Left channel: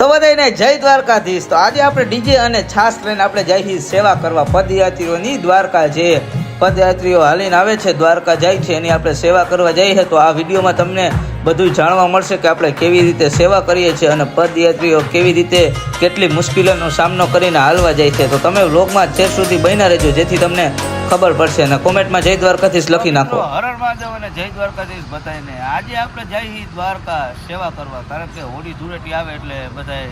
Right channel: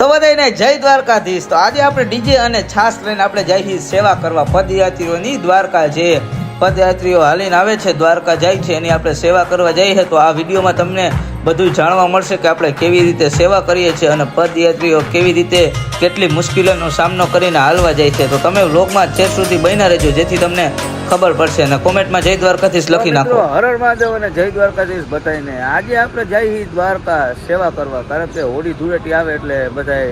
તો બધાને જય દ્વારકાધીશ। તો આજે આપણે ડીજે અને છાસ લઈને આપણે જઈએ સેવા કરવા પદયાત્રીઓની। દ્વારકા જે પદયાત્રીઓ હાલીને આવે છે, દ્વારકા જાય છે, એની આપણે સેવા કરવા જઈએ। તો આ વિડીયોમાં તમને બધું જાણવા મળશે કે આપણે કેવી રીતે સેવા કરીએ છીએ અને પદયાત્રીઓ કેવી રીતે કેટલી મુશ્કેલીઓનો સામનો કરીને હાલવા જાય છે। તો તમે વ્લોગમાં છેક સુધી બન્યા રહેજો જેથી તમને ખબર પડશે અને કોમેન્ટમાં જય દ્વારકાધીશ લખી નાખો। હર હર મહાદેવ અને જય દ્વારકાધીશ બધાને। આજે આપણે જઈએ દ્વારકા સેવા કરવા, કારણ કે હોળી ધૂળેટી આવે એટલે બધા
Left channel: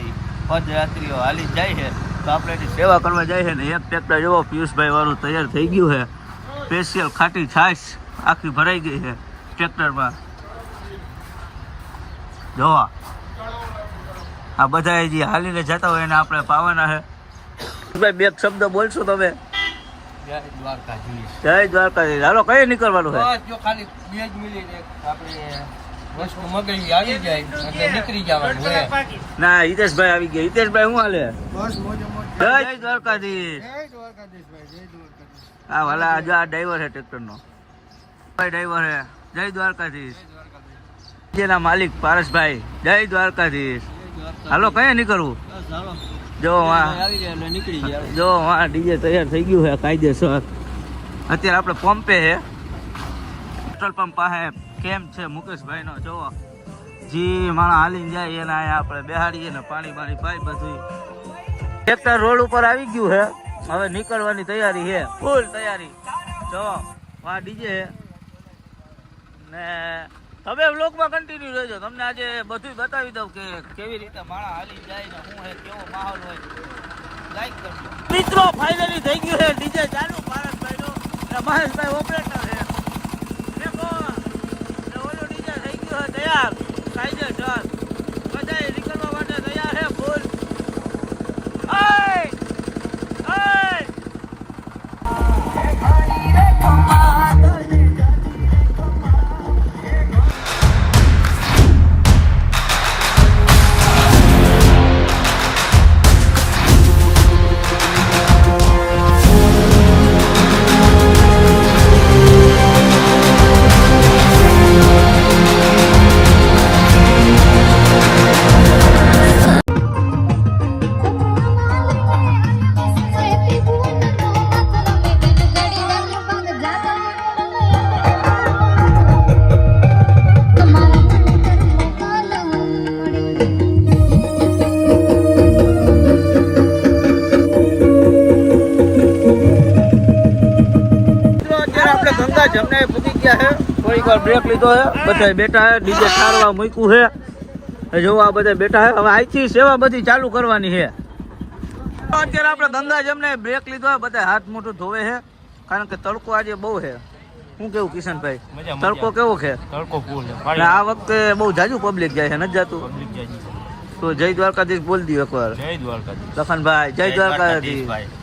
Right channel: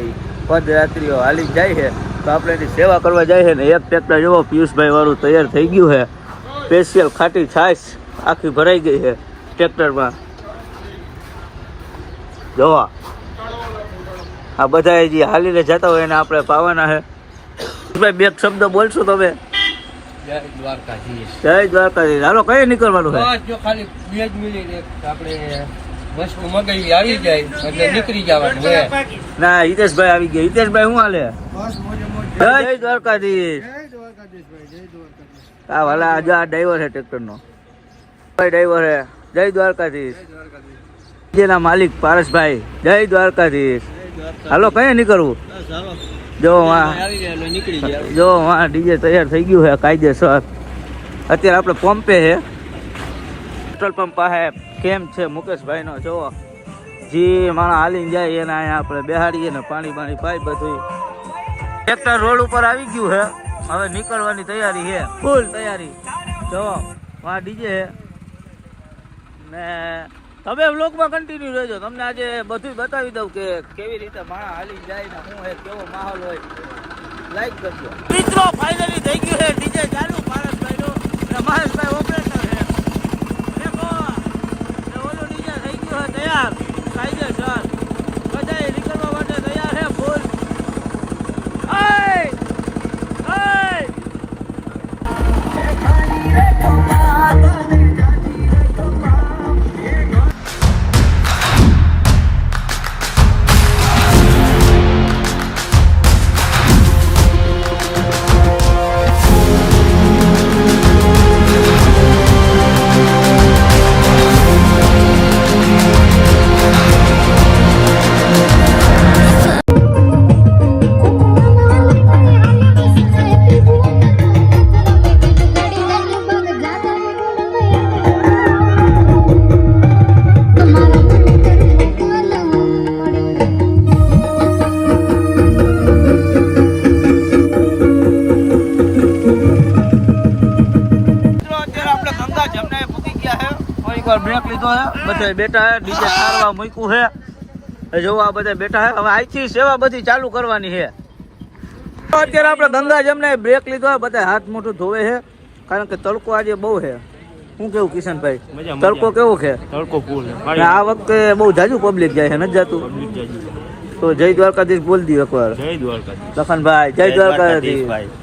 પદયાત્રીઓ હાલી જાય છે, તો આપણે એની સેવા કરવા જાય છે ને એક ટ્રેક્ટર જેવો પિયુષભાઈ વાળું તૈયાર થઈ ગયું છે। સ્પેશિયલ ખાટી છાશ આખી ભરાઈ ગઈ છે ટ્રેક્ટરમાં। જોવા આ બધા જે હાલીને જતા હોય એને આપણે પાવાના છે। ભાઈ બે શબ્દ બોલશો તમે? જય દ્વારકાધીશ। જય દ્વારકાધીશ। હાલો કઈ નીકળવાનું છે? જો ખાલી 2 મિનિટ આપણે વસ્તુ મગાવી આવી જાય એટલે નીકળી જવાનું છે। ના હિતેશભાઈ આવી ગયા। હિતેશભાઈ શું હાલે? જય દ્વારકાધીશ। હા વાલા આજે આ ડ્રાઈવર છે ટ્રેક્ટર નો, ભાઈ ડ્રાઈવર છે। જય દ્વારકાધીશ। જેના માલિક પારસભાઈ જય દ્વારકાધીશ। હાલો કઈ નીકળવું? જો હા ડીજે તૈયાર થઈ ગયું છે કાયદેસર। અત્યારે આપણે પંપે છે, પેટ્રોલ પંપ પાસે કેમ છે મુકેશભાઈ નો। જો જે માણસ હાલીને જાય એના અહીંયા આપણે બેહાડીએ ને પાણી પાઈ બધું। ટ્રેક્ટર રોડ ઉપર આવી ગયું છે, હવે નીકળવાની તૈયારી છે, ફૂલ તૈયારી। જો આ ડીજે છે ને તમે વ્લોગમાં કન્ટિન્યુ રહેજો, તમને આજે બધું બતાવી દઉં કે કેવી રીતે માણસ હાલી જાય ને શું છે, કેવો માહોલ હોય। લાઈક કરજો મિત્રો। ફાઇનલી થઈ ગયું છે ડીજે ચાલુ પારસભાઈ નું અને મહેશભાઈ ઓપરેટર છે। દેખો ઓલું ડીજે થઈ ગયું છે તૈયાર કાયદેસર, બધા નીકળવા માટે તૈયાર છે ફૂલ। જમને પૂકી ગયા છે, કોઈ બ્રેક લીધો છે, બધા બેઠા છે, ડીજે સારવા મૂક્યું છે, જો આ બધા બેઠા છે। હવે આઈથી સેવા બધી ચાલુ કરવાની છે। અત્યારે આપણે ગંગા જમને બ્રેક લીધો છે, બધા હાથ મોઢું ધોવે છે, કારણ કે તડકો આજે બહુ છે। શું કેવું કિશનભાઈ, તડકો કેવો છે? તડકો ફૂલ છે આ વખતે બહુ જાજુ પબ્લિક જાય છે, નથી જાતું? તો જય દ્વારકાધીશ બોલ દો એકવાર। જય દ્વારકાધીશ લખનભાઈ જય દ્વારકાધીશ।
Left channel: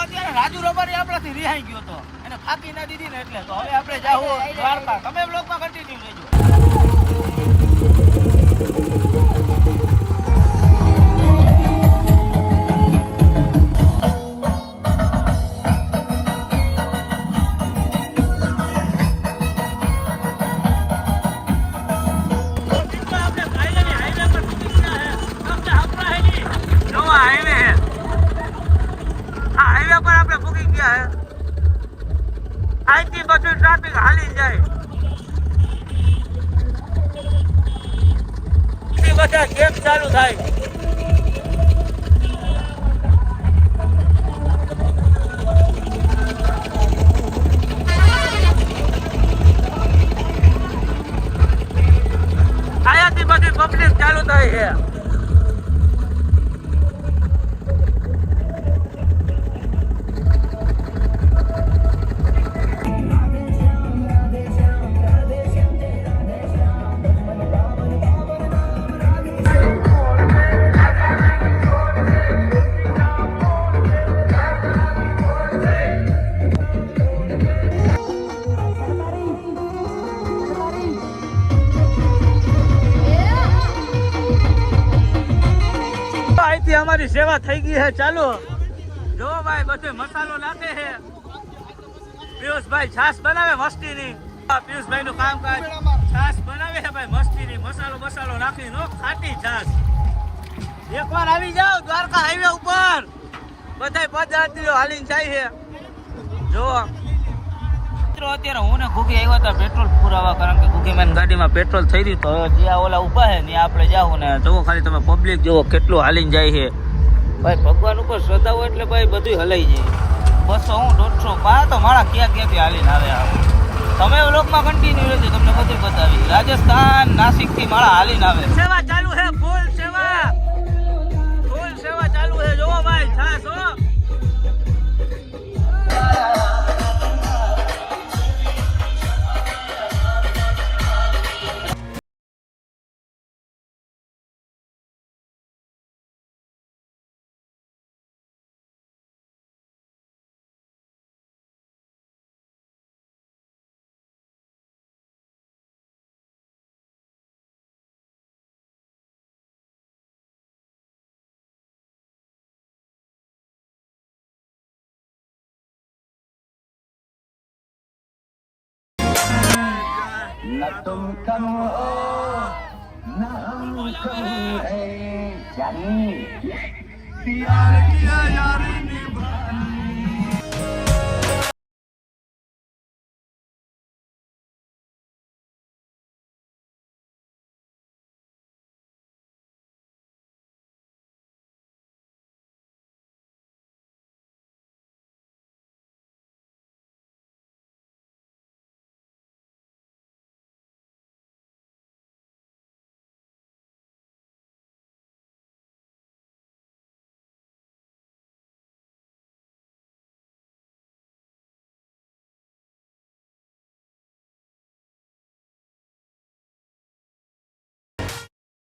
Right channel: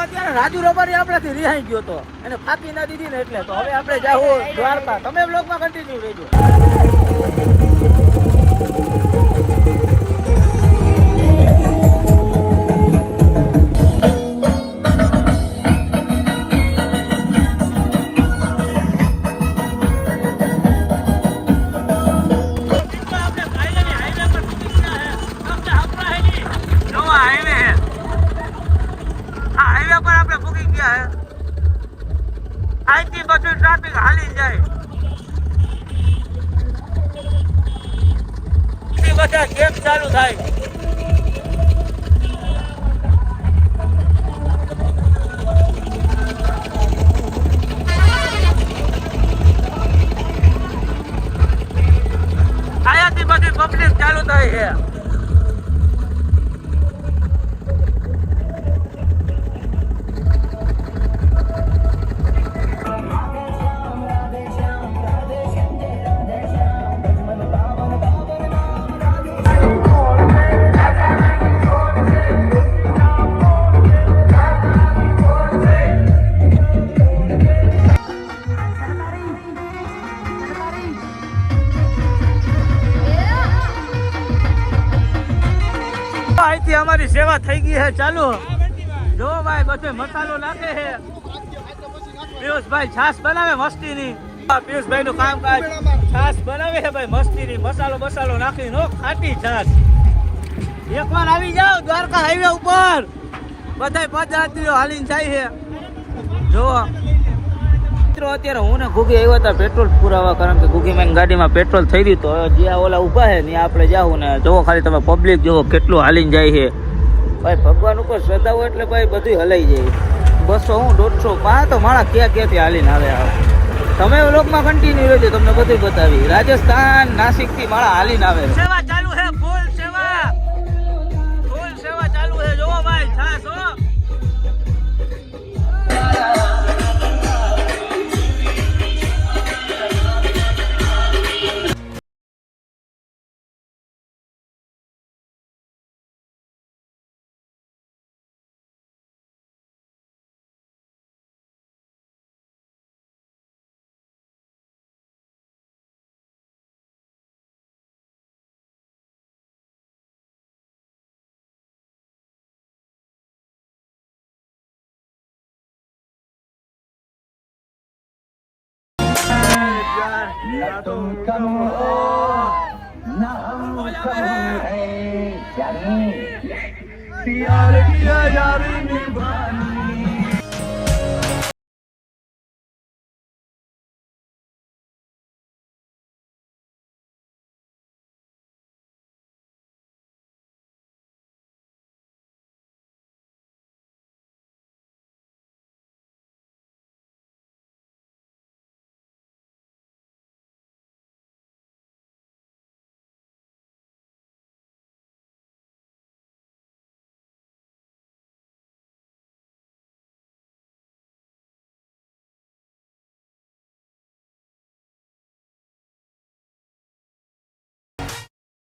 અત્યારે રાજુ રબારી આપણાથી રિહાઈ ગયો તો અને ફાકી ના દીધી ને એટલે તો હવે આપણે જાવું દ્વારકા। તમે બ્લોગમાં કન્ટિન્યુ રહેજો। અહીંથી બધું ટ્રાફિક હાલી જાય, બધા કેમ ચાલુ થાય। અહીંયાથી બધી પબ્લિક ચાલુ થાય છે। સેવા થઈ ગઈ છે ચાલો। જો ભાઈ બધે મસાલો નાખે છે, પિયુષભાઈ છાશ બનાવે મસ્તીની। પિયુષભાઈ નું કામકાજ છાશ બનાવે છે ભાઈ મસ્તીની, મસાલો નાખી નો ખાટી છાશ। એકવાર આવી જાઓ દ્વારકા હાઈવે ઉપર બધાય પદયાત્રીઓ હાલીને જાય છે જો મિત્રો. અત્યારે હું ને ઘૂગી આવ્યા હતા પેટ્રોલ પુરાવા, કારણ કે ઘૂગી મેં ગાડીમાં પેટ્રોલ થઈ રહ્યું તો જ્યાં ઓલા ઊભા છે ત્યાં આપણે જાવું ને જોવો ખાલી તમે પબ્લિક જોવો કેટલું હાલીને જાય છે ભાઈ. ભગવાન ઉપર શ્રદ્ધા હોય એટલે ભાઈ બધું હલાઈ જાય. 200 હું 150 તો મારા ક્યાંથી હાલીને આવે. તમે વ્લોગમાં કન્ટિન્યુ રહેજો, તમને બધું બતાવી. રાજસ્થાન નાસિક થી મારા હાલીને આવે. સેવા ચાલુ છે, ફૂલ સેવા ચાલુ છે. જોવો ભાઈ છાસ હો.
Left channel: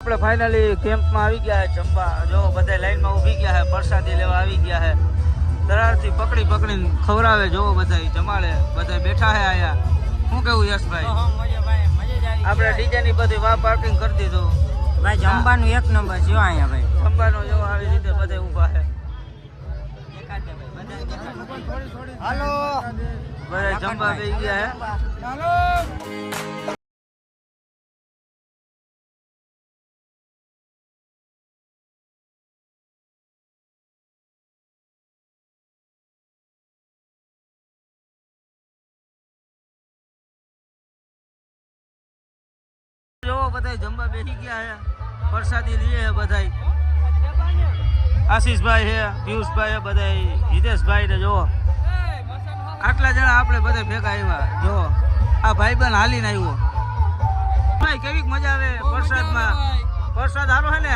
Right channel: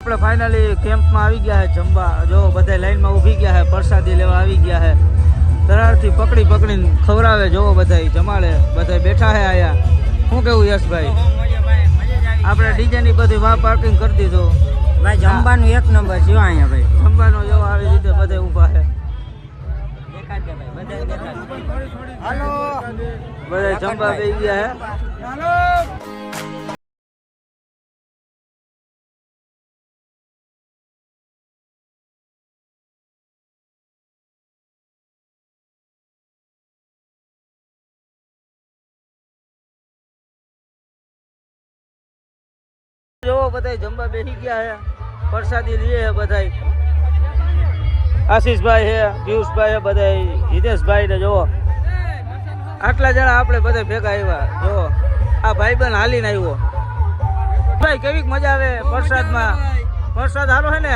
આપણે ફાઇનલી કેમ્પમાં આવી ગયા છે જમવા. જો બધા લાઈનમાં ઊભી ગયા છે, પ્રસાદી લેવા આવી ગયા છે. તરારથી પકડીને ખવડાવે. જોવો બધા જમાડે, બધા બેઠા છે આયા. શું કેવું યશભાઈ? આપણે ડીજે ની બધી વાહ પાર્કિંગ કરી દીધું. જમવાનું એક નંબર જો અહીંયા ભાઈ. જમવાનો જો આવી રીતે બધા ઊભા છે. બધા જમવા બેસી ગયા છે. જો બધા જમવા બેસી ગયા છે, પ્રસાદી લઈએ છે બધા. આશીષભાઈ છે, પિયુષભાઈ છે, બધા હિતેશભાઈ ને જોવો આટલા જણા આપણે બધા ભેગા આવ્યા. જો આ ભાઈબંધ હાલીને આવ્યો. ભાઈ કેવી મજા આવે પ્રસાદમાં? પ્રસાદ સારો છે ને?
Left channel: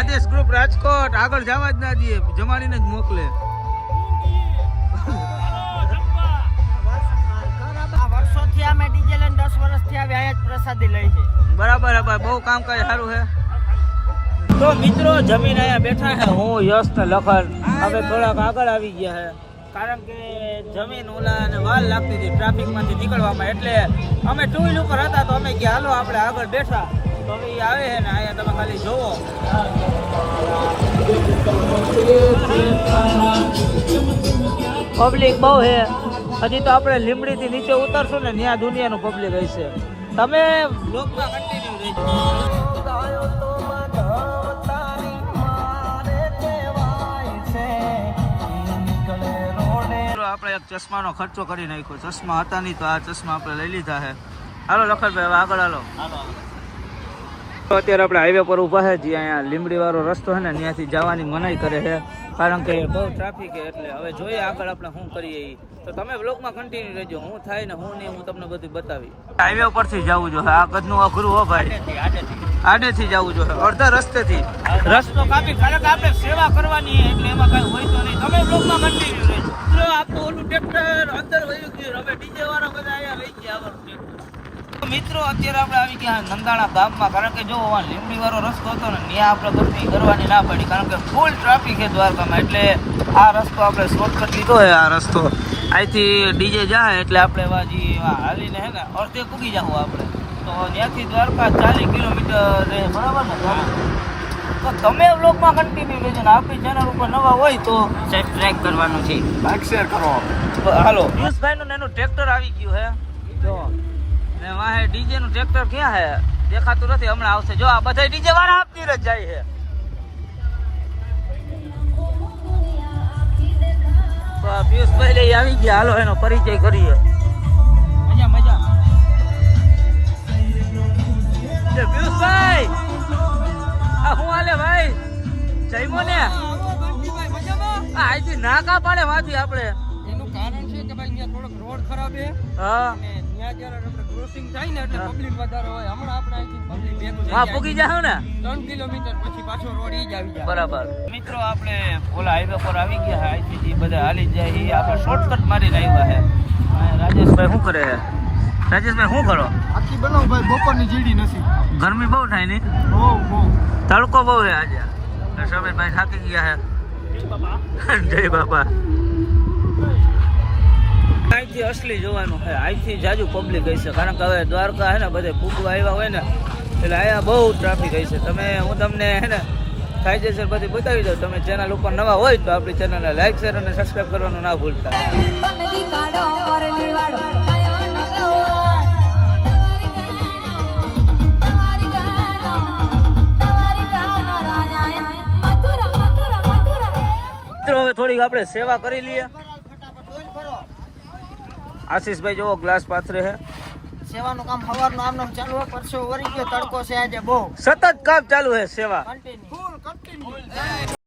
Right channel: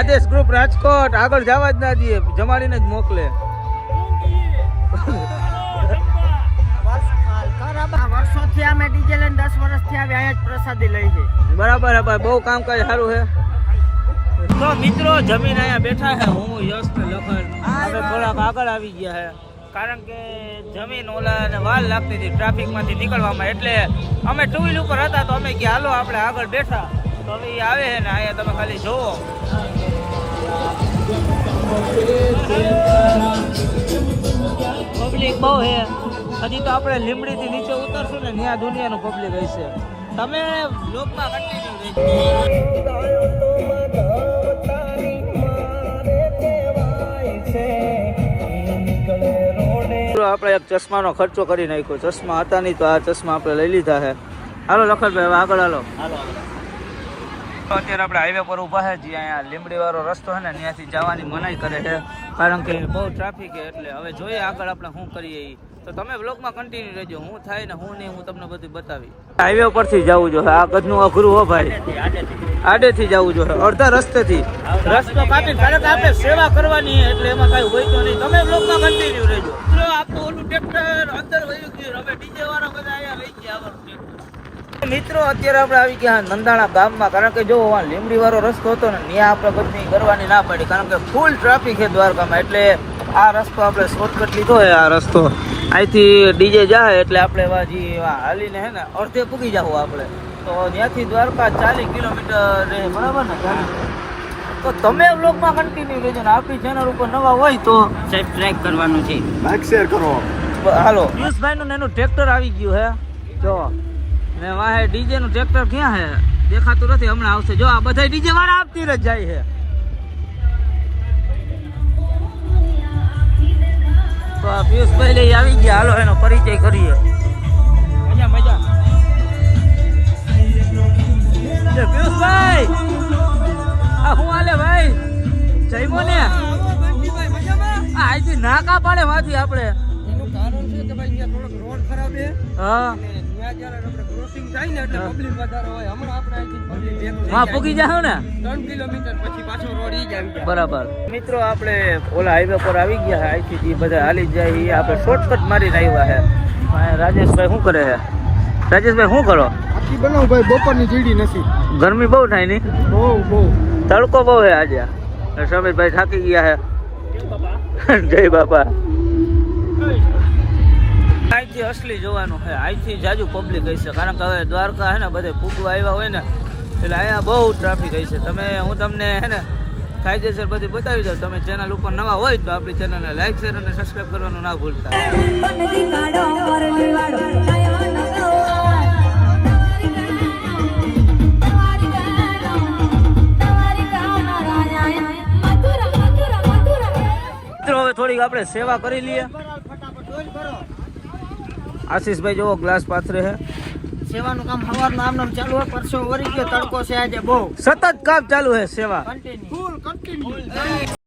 આદેશ ગ્રુપ રાજકોટ આગળ જવા જ ના દે, જમાડીને જ મોકલે. વર્ષોથી અમે ડીજે લઈને 10 વર્ષથી આવી અહીંયા જ પ્રસાદી લઈ છે. બરાબર ભાઈ, બહુ કામકાજ સારું છે. તો મિત્રો જમીન અહીંયા બેઠા છે. હું યશ ને લખન હવે થોડાક આગળ આવી ગયા છે, કારણ કે જમીન ઓલાને વાર લાગતી હતી ટ્રાફિકમાંથી નીકળવામાં. એટલે અમે 2 વ્હીલ ઉપર હતા તો અમે ગયા હાલો આપણે આગળ બેઠા. તો હવે એ આવે છે ને અહીંયા તમે ખાલી જોવો. પબ્લિક બહુ છે. હજી તો આપણે લીમડીથી નીચે ઉતરશું ને ત્યાં દુનિયાનું પબ્લિક હશે. તમે લોકમાં કન્ટિન્યુ રહેજો. આપણે એક ચશ્માનો ખર્ચો કરી નાખ્યો. ચશ્મા હતા નહીં તો આ ચશ્મા આપણે લઈ લીધા છે. હાલો લખનભાઈ હવે આગળ હાલો. તો અત્યારે આપણે હાઈવે પર ઊભા છે, જે અહીંયા લીમડી વાળો રસ્તો છે ને ત્યાંથી જવાની મનાઈ કરે છે, કારણ કે બહુ ટ્રાફિક છે. એટલે હવે જોઈએ આગળ આપણે શું કરીએ. તો તમે બ્લોગમાં કન્ટિન્યુ રહેજો. હું થાય ને હું નહીં હું તમને બધું બતાવી. હાઈવે પરથી જવું જોઈએ. આ કદનું અઘરું હો ભાઈ. આડેથી જવું જોઈએ, અડધા રસ્તેથી. રસ્તો કાપી કારણ કે આપણે સેવા કરવાની એટલે એમાં કઈ હોય તો નહીં. તમે બ્લોગમાં કન્ટિન્યુ રહેજો. આપણું ઓલું ટ્રેક્ટર અંદર વયું ગયું. હવે ડીજે વાળા બધા અહીંયા લઈ ગયા આવવાનું ટ્રેક્ટર. મિત્રો અત્યારે આપણે આવી ગયા નંદાણા ગામમાં, કારણ કે જો લીમડી વાળો રસ્તો હતો ને ત્યાં આપણે ગરમી કરવાની ના પડી, કારણ કે ફૂલ ટ્રાફિક છે દ્વારકામાં. એટલે આ રસ્તો આપણે શોર્ટકટ લીધો છે. આ રસ્તો અહીંથી ડીજે જાય એટલે આપણે હાલીને હે ને અડધે પૂગી જાવ આપણે. તો ત્યાંથી દ્વારકા 40 કિલોમીટર રહે, બરાબર ને? તો તમે વ્લોગમાં કન્ટિન્યુ લેજો ને આપણી ચેનલ ઉપર નવા હોય તો સબસ્ક્રાઇબ કરવાનું છે, લાઈક શેર કરો. હાલો યશભાઈ નું એનું ટ્રેક્ટર આવી ગયું હે. જો ને વાહે ડીજે નું ટ્રેક્ટર ક્યાં હે? દેખાતું નથી, હમણાં આવશે. જો આ બધા ડીજે વાળા આપતી જ જાય છે. તો આ પિયુષભાઈ ને આવી ગયા, હાલો એનો પરિચય કરીએ. પિયુષભાઈ, આ હું હાલે ભાઈ? જઈમો ને અહીંથી નાકા પાડે માંથી આપણે. એનું કારણ છે કે ભાઈ અહીંયા થોડોક રોડ ખરાબ છે હા, અને ત્યાં જ્યારે આપણે ક્રોસિંગ થાય ને એટલે પબ્લિક વધારે હોય. હમણાં આપણે અહીંથી પબ્લિક માં પૂગી જાવ ને 3 કિલોમીટર પછી પાછો રોડ ઈ જ આવી જાય. બરાબર. મિત્રો આપણે ઓલા હાઈવે પર આવી ગયા છે. અહીંથી જે બધા હાલી જાય એ આપણે શોર્ટકટ મારીને આવ્યા છે. રાજેશભાઈ શું કરે છે? રાજેશભાઈ શું કરો? આખી બનાવ ભાઈ, બપોરની જીડી નથી. ગરમી બહુ થાય ને? બહુ તડકો બહુ છે આજે. સમીરભાઈ થાકી ગયા છે. જય બાપા. અહીંથી અસલી જોવાનું છે. અહીંથી જાજુ પબ્લિક હશે, કારણ કે હવે દ્વારકા છે ને બધે ફૂગવા આવ્યા હોય ને એટલે અહીંયા બહુ ટ્રાફિક હશે. હું તમને હે ને કાયદેસર બધી બતાવી દઉં. તમે ચેનલ ઉપર નવા હોય તો આપણી ચેનલને લાઈક શેર અને સબસ્ક્રાઈબ કરવાનું ના ભૂલતા. થોડીક આપણે સેવા કરી લઈએ. આશીષભાઈ જોવો ગ્લાસ પાથરે છે. સેવાનું કામ સવારનું આમ નામ ચાલુ હોય, પરસો વરી ગયો, તડકો છે આજે બહુ. સતત કામ ચાલુ છે, સેવા કન્ટિન્યુ.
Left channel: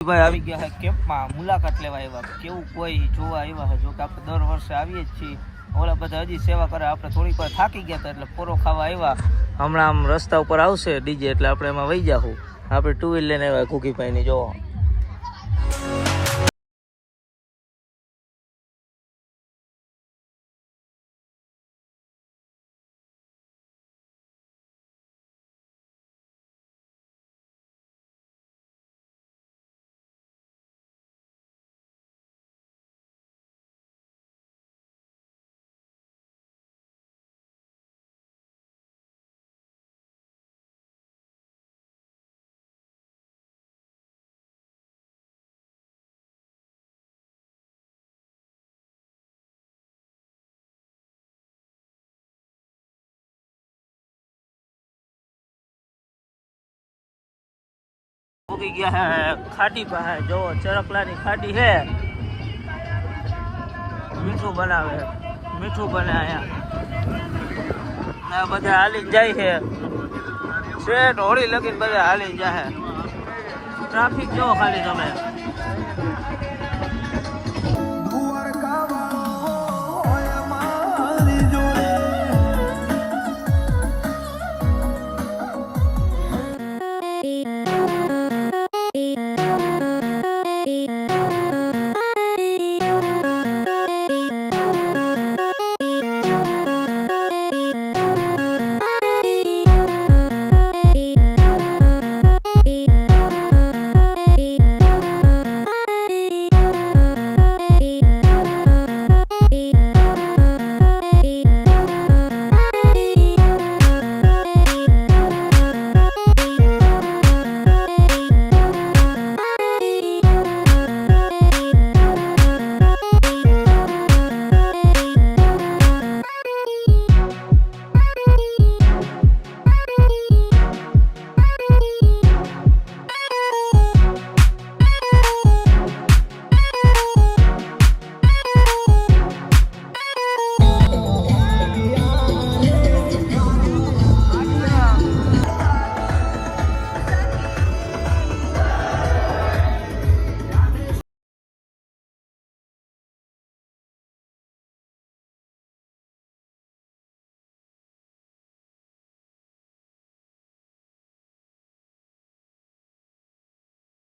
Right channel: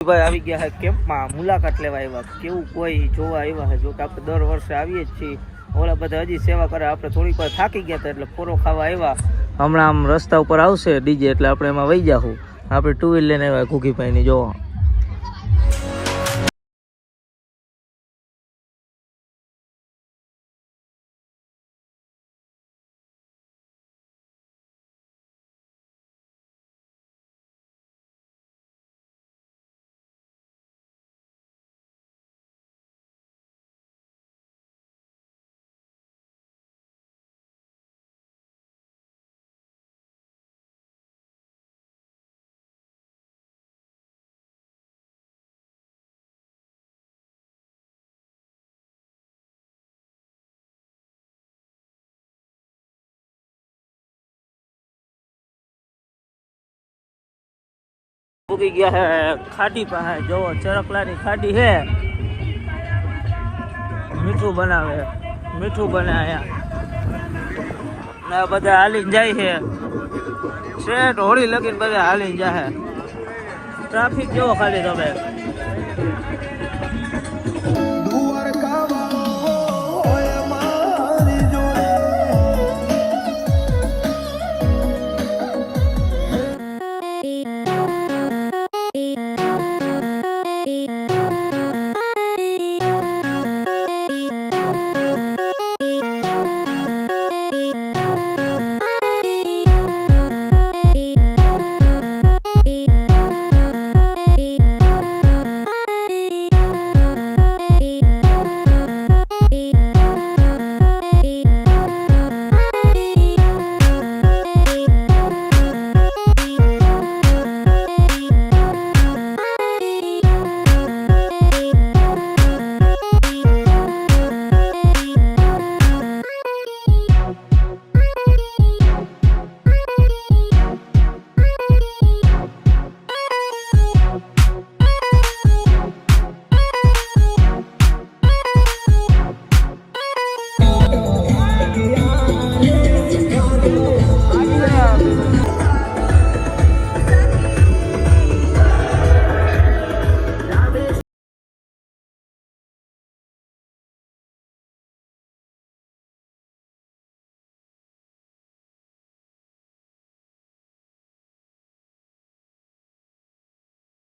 ભાઈ આવી ગયા છે કેમ્પમાં, મુલાકાત લેવા આવ્યા. કેવું કોઈ જોવા આવ્યા છે. જો કે આપણે દર વર્ષે આવીએ જ છીએ. ઓલા બધા હજી સેવા કરે, આપણે થોડીક વાર થાકી ગયા હતા એટલે પૂરો ખાવા આવ્યા. હમણાં આમ રસ્તા ઉપર આવશે ડીજે એટલે આપણે એમાં વહી જાશું. આપણે 2 વ્હીલ લઈને આવ્યા ઘૂઘીભાઈ ની. જોવો ઉગી ગયા છે ખાડી પાસે. જોવો ચરકલાની ખાડી છે. મીઠું બનાવે, મીઠું બને અહીંયા. બધા હાલીને જાય છે. શેઠ હોળી લગીને બધા હાલીને જાય. ટ્રાફિક જેવો ખાલી તમે.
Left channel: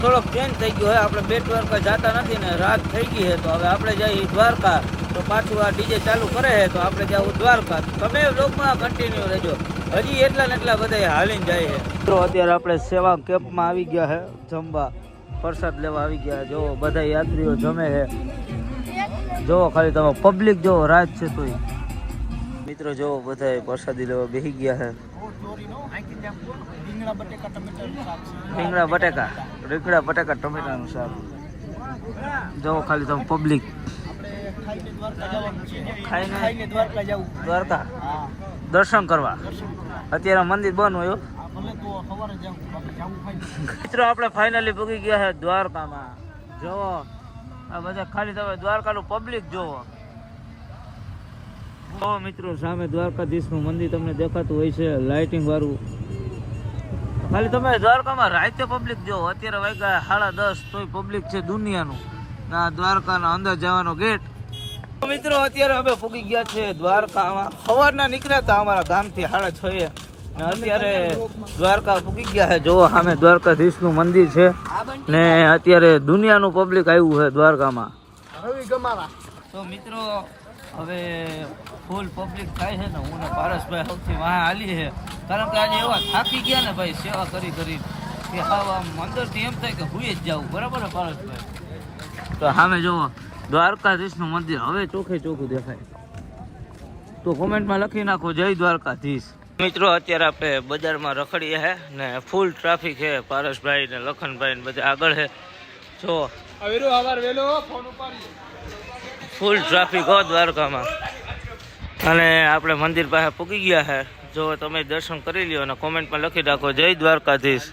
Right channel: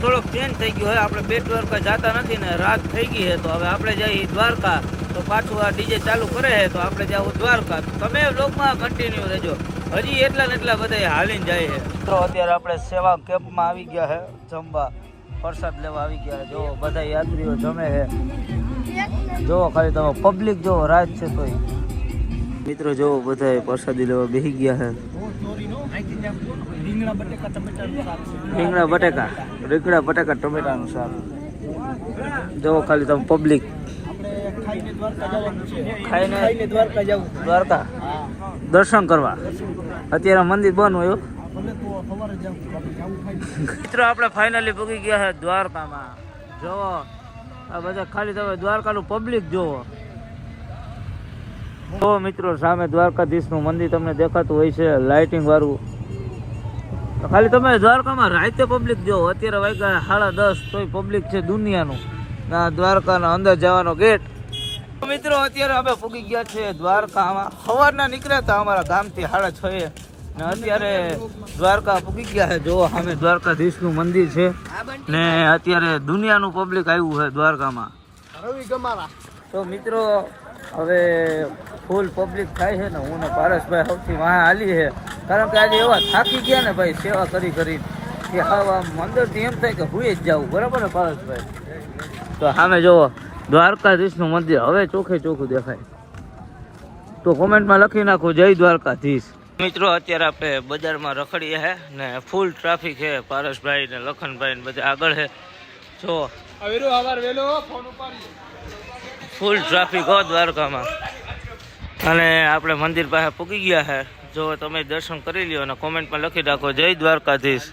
થોડોક ચેન્જ થઈ ગયો હોય, આપણે બેટ દ્વારકા જતા નથી ને રાત થઈ ગઈ છે, તો હવે આપણે જઈએ દ્વારકા. તો પાછું આ ડીજે ચાલુ કરે છે, તો આપણે જવું દ્વારકા. તમે બ્લોગમાં કન્ટિન્યુ રહેજો, હજી એટલા ને એટલા બધા હાલીને જાય છે. તો અત્યારે આપણે સેવા કેમ્પમાં આવી ગયા છે, જમવા પ્રસાદ લેવા આવી ગયા. જો બધા યાત્રીઓ જમે છે, જો ખાલી તમે પબ્લિક જો રાત છે તો મિત્રો જો બધા પ્રસાદી લેવા બેસી ગયા છે. રીંગણા બટેકા ટમેટાનું શાક. જો ખાલી તમે પબ્લિક ખાઈને દ્વારકા દર્શન કરવા. અત્યારે મંદિર બંધ હોય. મિત્રો આપણે ફાઇનલી પૂગી ગયા છે દ્વારકામાં. જોવો આ બધા ખાલી તમે દ્વારકાનું પબ્લિક જોવો. તો મિત્રો સામે દ્વારકાધીશનું મંદિર તમને દેખાતું હોય છે, લાઇટિંગ વાળું. ખાલી તમે દ્વારકામાં રાતે પબ્લિક જોવો. અત્યારે વાગ્યા 10:30, તોય પબ્લિક છે દુનિયાનું. ના દ્વારકાના અંદર જવાનો ગેટ. મિત્રો અત્યારે અમે પૂગી ગયા છે દ્વારકામાં. સવારના નીકળ્યા હતા અમારા ગામથી 6:30 ને અત્યારે દ્વારકા પૂગી ગયા છે. જો સામે દ્વારકાધીશનું મંદિર છે ને અત્યારે દુનિયાનું પબ્લિક આવ્યું છે દ્વારકામાં. તો મિત્રો હવે ફૂલ પબ્લિક થાય છે ને. હું ને પારસભાઈ સૌથી વાહ હાલી છે, કારણ કે આજે એવા થાકી ગયા ને ભાઈ સેવા કરી કરી કે હા આમ અંદરથી એમ થાય કે હુઈ જ જવું. બરાબર ને પારસભાઈ? તો સામે જોવો દ્વારકાધીશનું મંદિર હવે ચોખ્ખે ચોખ્ખું દેખાય. તો કોમેન્ટમાં લખી નાખો જય દ્વારકાધીશ. મિત્રો અત્યારે આપણે બજારમાં રખડીએ છે ને ફૂલ ટ્રાફિક છે. પારસભાઈ ને લખનભાઈ ને બધા આગળ છે. જો ફૂલ ટ્રાફિક હો દ્વારકામાં. અને આપણે મંદિર પાસે પૂગી ગયા છે. જો તમે દર્શન કરી લ્યો અને કોમેન્ટમાં લખી નાખો જય દ્વારકાધીશ.